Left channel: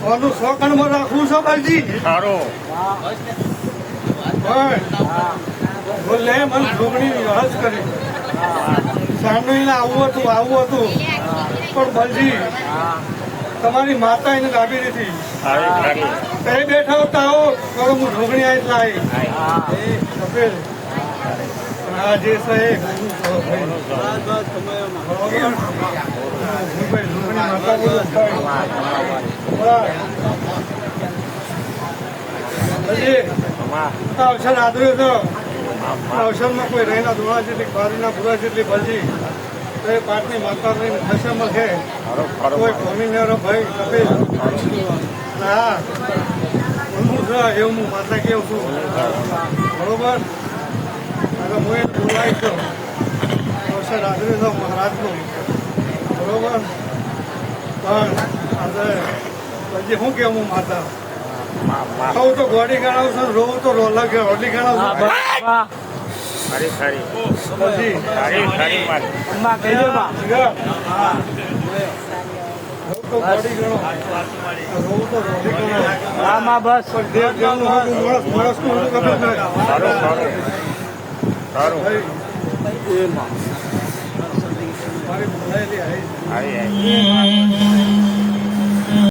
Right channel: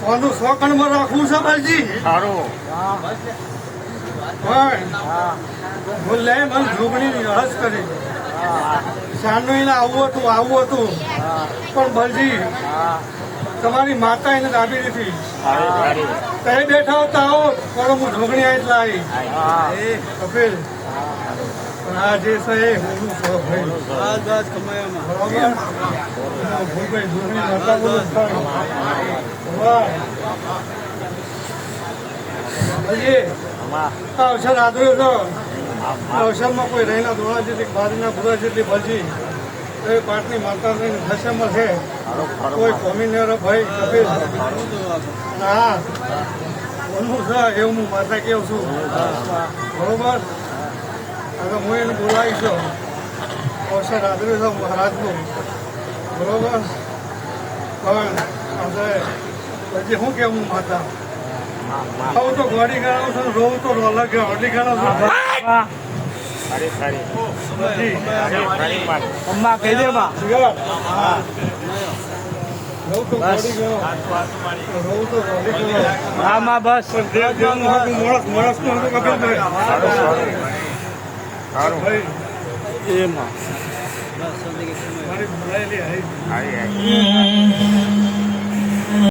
સોનું 100 કણમાં રાખવું છે બાલજી. બોલે મને જોગણી રસ કરી સાંડવીને આવું હતું પણ બલજી તમારી માતા એને દાબી નથી. તે બેઠા હોતા આવો કરો હું ઢોકણી આવી કપિલ પણ આ જે છે ભાઈ ઢોકણી માતા બોલું અવસર આદર્યો છો. અવસરમાં કોઈ રહીના દોણા જેટલી બારીના ભૂરા જેટલી ભજી તો એ પાટની માતા રહીને ખસે મળે કોઈ કોમીનેરો ભાઈ કપિલ. હા બોલવું છે એવું હું માતા કેવું છું બરોબર. હવે હું એને બોલાવીશ અવસર આદર્યો છો મહારાજનું બરોબર. પણ આજે પછી શું કેવું હું માતા ખાવું તો ગોળી ગણાવું છું, રોવું તો રોટી ગણાવું છું. માણસ નું હતું કપિલભાઈ મારી બોલાયેલી